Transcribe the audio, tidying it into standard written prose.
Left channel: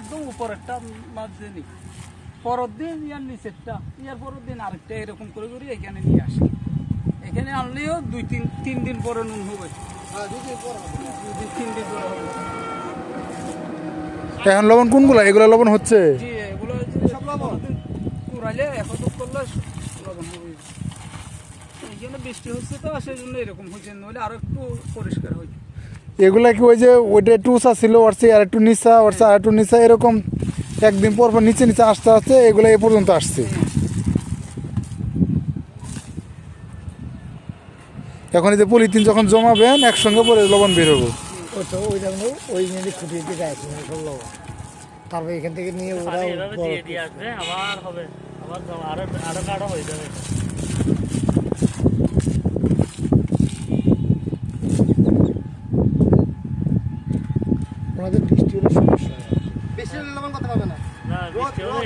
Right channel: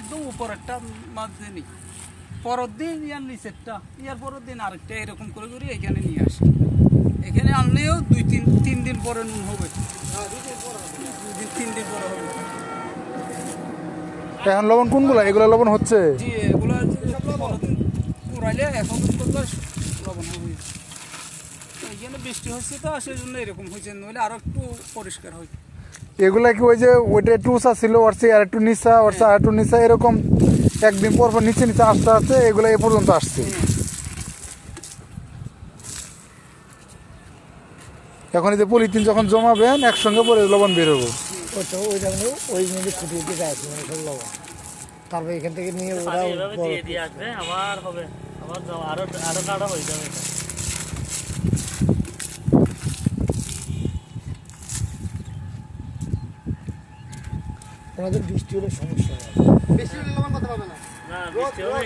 একদম উপরেরটা মাঝে নি, পরের দিন ইয়ার নিচেরটা, ইয়ার পরের দিন আরেকটা, এরকম করে করে এখানে নিয়ে আসি। এখানে আনলেও তিন দিন পরে নুন হবে, 2-3 দিন পরে হবে। এখন লবণ কোনগুলো? এগুলো লবণ হচ্ছে? জি, এগুলো পুরাইলে এখন করলে লবণ হবে। এইখানে বৃষ্টি হচ্ছে তো, সেই জন্য এরকম হয়েছে, নইলে আরো একটু পরিষ্কার হয়। এগুলা কি ওই যে ওইটা একটু উঁচা ছিল, ওর চেয়ে আর একটু নিচা, ওর চেয়ে আর একটু নিচা, এরকম একদিন পর পর নিচে নিচে আসতে আসতে এগুলো এ পর্যন্ত আসছে। এখন এই যে পলিথিন যখন জমাবেন একসঙ্গে পরে লবণ বের হবে। তারপরে এখান থেকে নিয়ে আসবে, আবার হবে, আবার আরো কাটা হয়ে যাবে। ওনাদের বৃষ্টি হলে সমস্যা, বেশি লবণ করতে পারবে না, বৃষ্টি হলে